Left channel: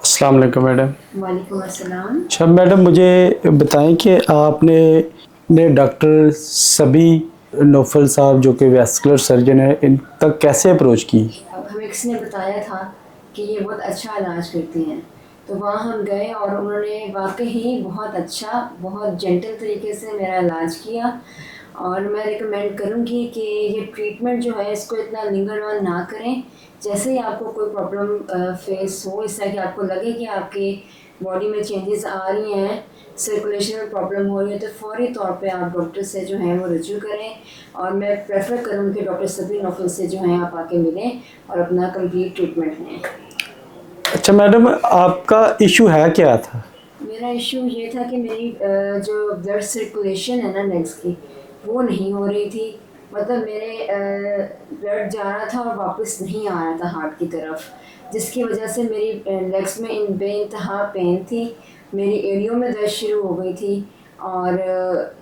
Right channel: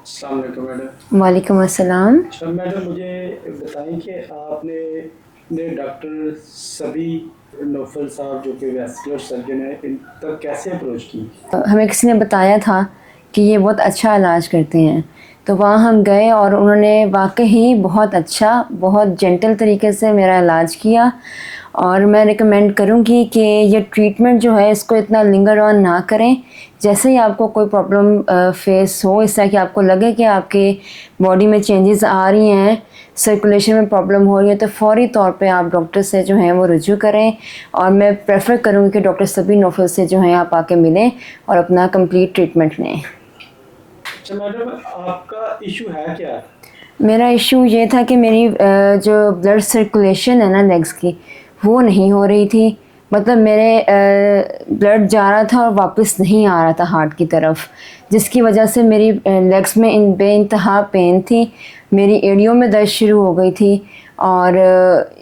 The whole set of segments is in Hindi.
अस्सलाम वालेकुम मैडम। वालेकुम अस्सलाम। अच्छा मैडम, मुझे बताएं कि आपने ने डॉक्टर सबी नौफल साहब जो कि वैस्कुलर सर्जन है, इन तक कैसे अप्रोच की? हमें किसी ने बताया था कि ये बहुत अच्छा इलाज करते हैं, तो वहाँ हम गए और उन्होंने वाक़ई बहुत अच्छा, बहुत जेंटल तरीके से मेरा इलाज किया। और मैं रिकमेंड करूँगी कि ये ट्रीटमेंट जो है इसको इतना लिंगर ऑन ना करें। जैसे ही आपको कोई प्रॉब्लम फेस हो, इस तरह कि आपको लगे कि आपके बॉडी में चेंजेस आ रही हैं, सर्कुलेशन में प्रॉब्लम हो रही है, तो फ़ौरी तौर पे आप डॉक्टर से जो है वो रुजू करें। और मैं प्रेफर करूँगी कि डॉक्टर सबी नौफल से जो है आप आके मिलें और अपना कंप्लीट ट्रीटमेंट लें। अच्छा मैडम, आपका इशू है क्या था? मेरा इशू ये था कि मेरी जो ब्लड सर्कुलेशन है ना लेग्स की, वो नहीं हो रही थी। मतलब मेरे ब्लड जा रहा था और वापस नहीं आ रहा था हार्ट की तरफ, जिसकी वजह से मेरी लेग्स में बेइंतहा पेन थी। मेरी एड़ियों में दर्द शुरू हो गई थी और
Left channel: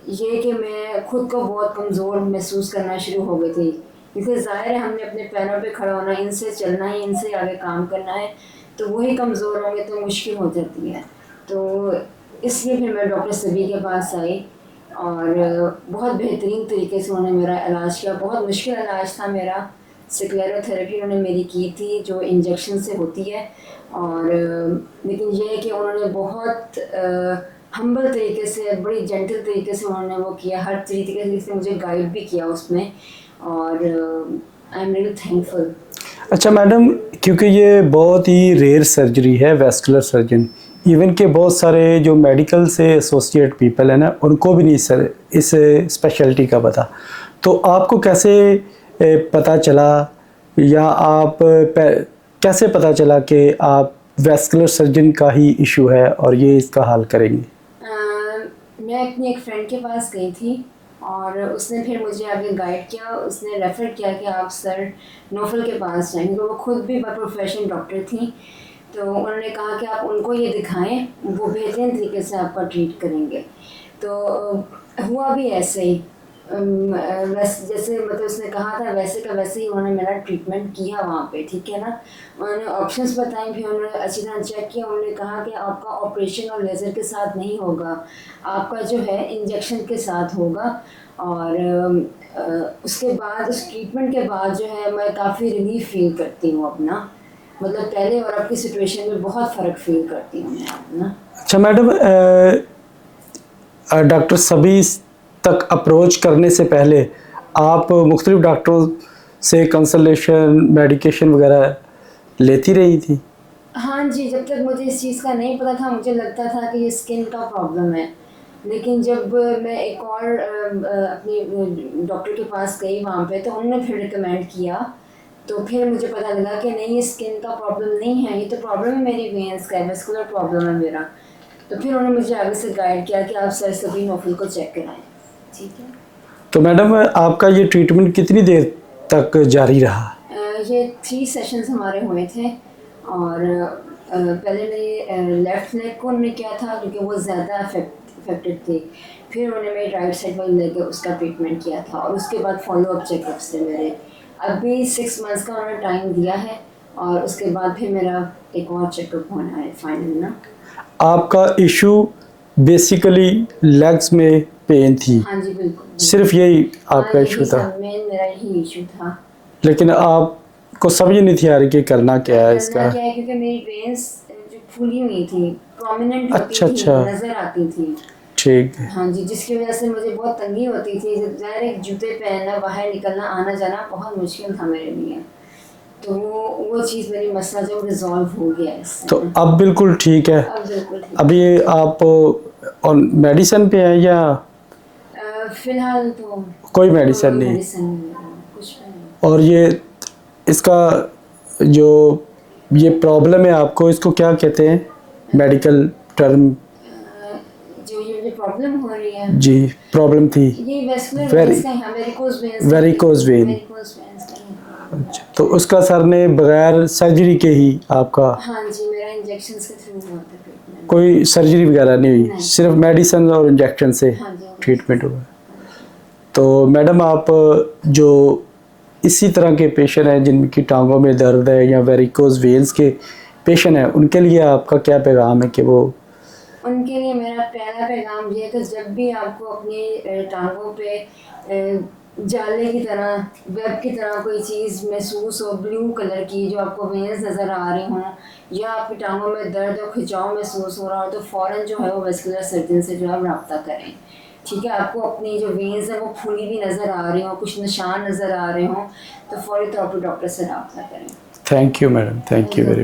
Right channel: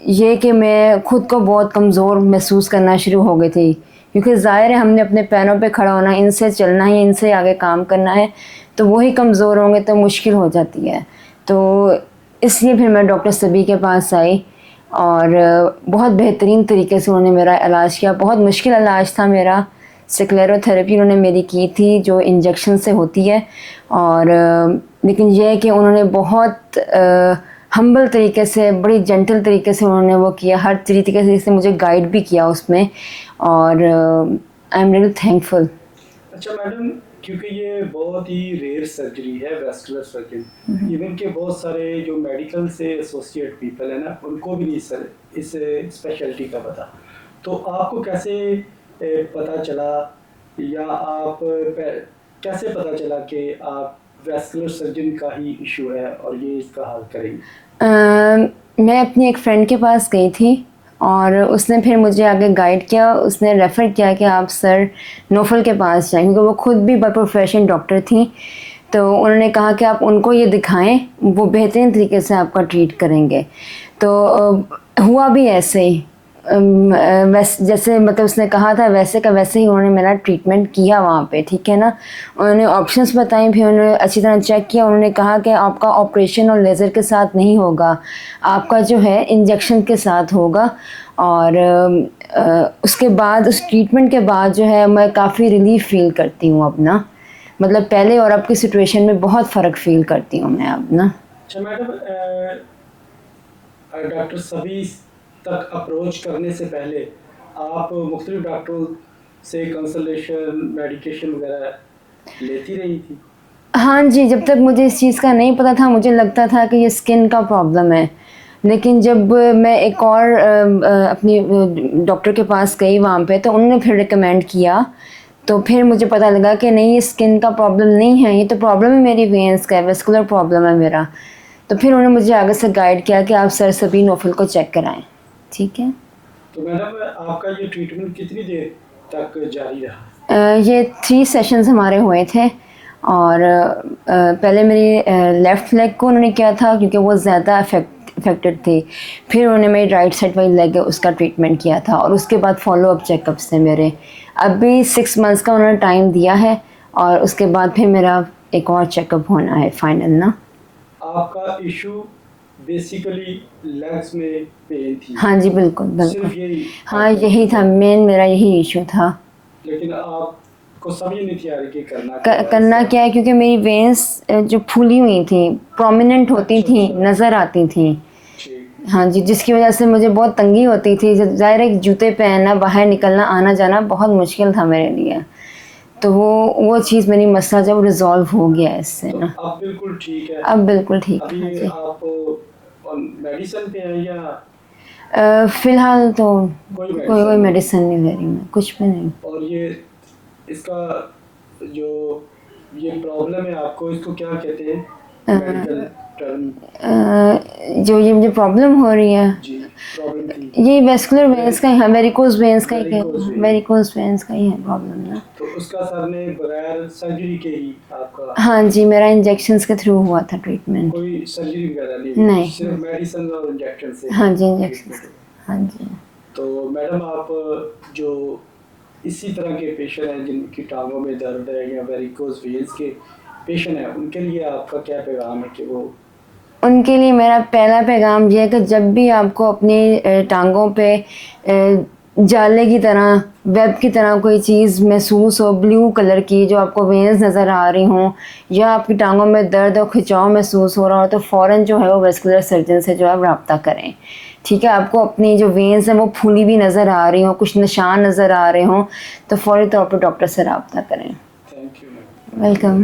ये कि मैं ख़ुद को बहुत कमज़ोर महसूस करना शुरू हो गई थी, क्योंकि ज़ाहिर है हमने अपने पैरों पे खड़ा होना, इनसे चलना है, इनसे आगे काम करना है, तो वही कमज़ोर होंगे तो मुश्किल हो जाती है। तो इसलिए फिर मैं डॉक्टर सबी के पास आई और बहुत बेहतरीन तरीके से उन्होंने मेरा इलाज किया। बहुत मुश्किल इलाज था मेरा। स्क्लेरोथेरेपी उन्होंने मेरी की थी जो इंजेक्शन से होती है। और लेकिन यह है कि उन्होंने बहुत हम्बल तरीके से, बड़ी जेंटल तरीके से उन्होंने वो किया, हर तरीके से मुझे गाइड भी किया उसमें। और आई एम रियली थैंकफुल। अच्छा मैडम, क्योंकि ये बहुत ही रेयर सर्जरी है वैस्कुलर सर्जन, इवन के बहुत सारे जो मेडिकल से एसोसिएट पीपल है ना, उनको भी नहीं सर इस स्पेशलिटी का पता। तो आपको कैसे पता चला, या आप कैसे पता चला कि आप वैस्कुलर सर्जन का ही इशू है और ये इसका हल करेंगे? मैं अपनी एक फ़्रेंड के पास गई थी और उसने फिर मुझे आगे गाइड किया। उसने रेफ़र किया कि आप सर नौफल के पास जाएँ, क्योंकि वो खुद भी बाय प्रोफेशन डॉक्टर थी। तो उन्होंने कहा कि आप उनको ये दिखाएं, वो बेहतरीन तरीके से आपका ट्रीट करेंगे। तो हुआ भी ऐसे ही। जैसे मतलब उसने कहा था वैसे का वैसे ही उन्होंने मेरा ट्रीटमेंट किया वहाँ पे, ठीक है ना। उन्होंने ऑप्शंस बताई, फिर उन्होंने अच्छी तरह चेक किया। उन्होंने कहा कि आपका ऑपरेशन और लेज़र के साथ नहीं होगा, आपका जो है इंजेक्शन के साथ होगा। और उसके बाद, उस ट्रीटमेंट के बाद जो है मैं काफ़ी रिलीफ फ़ील करती हूँ अपना। मतलब पहले और अब की सिचुएशन में बहुत फ़र्क फ़ील करती हूँ मैं अब ना। अच्छा मैडम, डॉक्टर सबी तक अप्रोच करने से पहले आप मुख्तलिफ डॉक्टरों से कंसल्टेशन, मेडिकेशन वगैरह लेती रही थी? हाँ जी, जब तक मुझे इस चीज़ का नहीं पता था, मुझे लगता था कि ये स्किन का प्रॉब्लम है। लेकिन जब मैं एक और अपनी डॉक्टर के पास गई वहाँ पे, तो उन्होंने फिर रिकमेंड किया। तो फिर मुझे पता लगा कि नहीं, ये स्किन का प्रॉब्लम नहीं है, ये तो प्रॉब्लम है मेरी वेन्स का, वैस्कुलर प्रॉब्लम है मेरा। तो फिर उन्होंने मुझे आगे से गाइड किया कि आप सर सबी नौफल को चेक कराएँ। ठीक है। तो मैडम, आपका ये ट्रीटमेंट कितनी देर तक जारी रहा? ये 3 सेशंस हमारे हुए थे। और पहले मेरी लेफ़्ट लेग को उन्होंने किया था, क्योंकि वो ज़्यादा अफेक्टेड थी। फिर उन्होंने मेरी राइट साइड वाली लेग है उसका ट्रीटमेंट किया था, और उसके बाद फॉलो अप चेकअप्स थे मेरे। अभी 6 मंथ्स का उन्होंने टाइम दिया है, और उसके बाद फिर मेरा एक और चेकअप होना है फाइनल ना। आपका इशू बेसिकली लेग्स में पेन थी? हाँ जी, बिल्कुल सिर्फ यही हाँ, आपका इशू यही था था? मेन, मेरा यही इशू था। लेकिन आपको समझ नहीं थी आ रही कि करना क्या है करना इसका? क्या है, क्योंकि मेरी वेन्स जो फूली हुई थी, प्रोमिनेंट होती अच्छा थी, अच्छा, नज़र आती थी। ठीक है। हाँ जी, जिसकी वजह से मुझे बहुत तंगी होती थी। ज़ाहिर है जूते पहनना, बाहर निकलना, आना जाना बहुत मुश्किल था मेरे लिए। तो वो चीज़, मेरी मसला जब रिज़ॉल्व हो गया इससे तो ना। अब बिल्कुल ठीक है? अब बिल्कुल ठीक अभी है जी। आप और मेडिसिन पे हैं या फ़िलहाल तो कोई मेडिसिन कोई नहीं? मेडिसिन नहीं ले रही मैं, कुछ भी नहीं। और ये इसका जो ये प्रॉब्लम है आपको, इसको क्या कहते हैं मेडिकल टर्म? जो ये मुझे प्रॉब्लम हो रही है, जी, प्रॉब्लम थी। ये वेस्कुलर वेन्स का ही है, वेरिकोज़ वेन्स का ही है। Varicose vein. वेरिकोज़ वेन्स का ही है प्रॉब्लम ना। तो उसका सर ने बगैर सर्जरी के ही आपका हाँ जी, मेरा इंजेक्शंस के थ्रू हुआ था ट्रीटमेंट। कोई सर्जरी वगैरह नहीं हुई, नहीं। सिर्फ मेडिसिन और इंजेक्शन से हाँ जी, ट्रीटमेंट इंजेक्शन। हुआ? हाँ जी। तो मैडम, आप जो इसी तरह के पेशेंट हैं जिनकी टांगों में दर्द है या वेरिकोज वेन्स के पेशेंट हैं उनके लिए आपका क्या पैगाम है कि वो उनके लिए मेरा पहला पैगाम ये है कि जब भी आपको अपनी टांगों पे जाले की तरह, वेब की तरह कोई चीज़ महसूस हो ब्लू कलर की, जो आपको वेन्स नज़र आ रही हों, या आपकी टांगों में दर्द और खिंचाव महसूस हो रहा हो, तो फ़ौरन जो है वो वेस्कुलर सर्जन से जो है रब्ता करें। ठीक है, आपको अपनी जो वेन्स हैं वो फूली भी नज़र आ रही हों, कुछ निशान नज़र आ रहे हों, तो फ़ौरी तौर पर डॉक्टर से रब्ता करें। Thank you madam, thank you.